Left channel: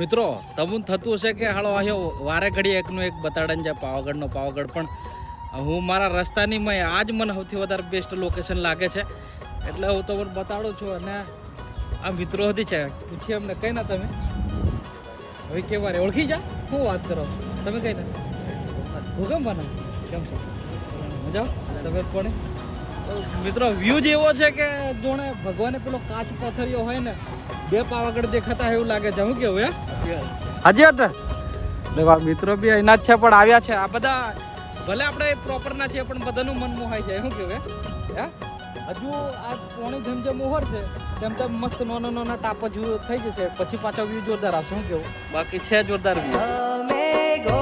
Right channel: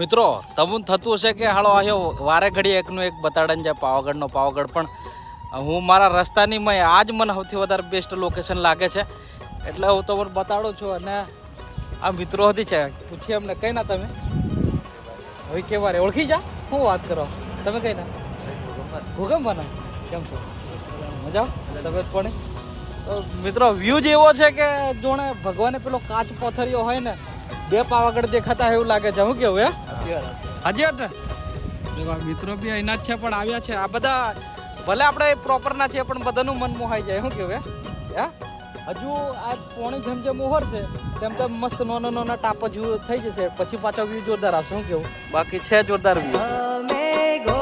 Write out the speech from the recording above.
મિત્રો તમને થતું હશે કે હાલો આવ્યો વારે ઘડી એકનું એક બતાડન છે પાવાગઢનો પાવાગઢ, પણ હું મારા રસ્તાની મય આજ મને સૌથી વધારે બેસ્ટ લોકેશન લાગે છે એટલે હું તમને બતાડું છું. અને આ મિત્રો હતી છે, પૂછીએ એમને કઈ ના તમે હવે કેવા રે ઓળખી જા, શું વાત કરો તમે કઈ ના ભૂકંપ બના કેમ છો મજા તબિયત પાણી? મિત્રો વ્યૂ જ એવો છે કે જોણે ભગવાને પેલો કાચ પથ્થરિયો હોય ને બે પાવાગઢ દેખાતા એવું લાગે છે. શું કેવું હે હાજી હટ દેખો મિત્રો બી અહીંના જ છે પણ આવ્યા છે. આ બધા ભલે આપણે પ્રોપર ના છીએ પણ બધાનું મન મોહાઈ જાય. શું કેવું હે હજુ આ પોણી જેમ જેમ ઓવર છે તેમ તેમ મસ્ત નાના ટાપો જેવું થઈ જશે, પછી પાછો વ્યૂ જોરદાર આવશે. શું કેવું બાકી છે જોરદાર વ્યૂ.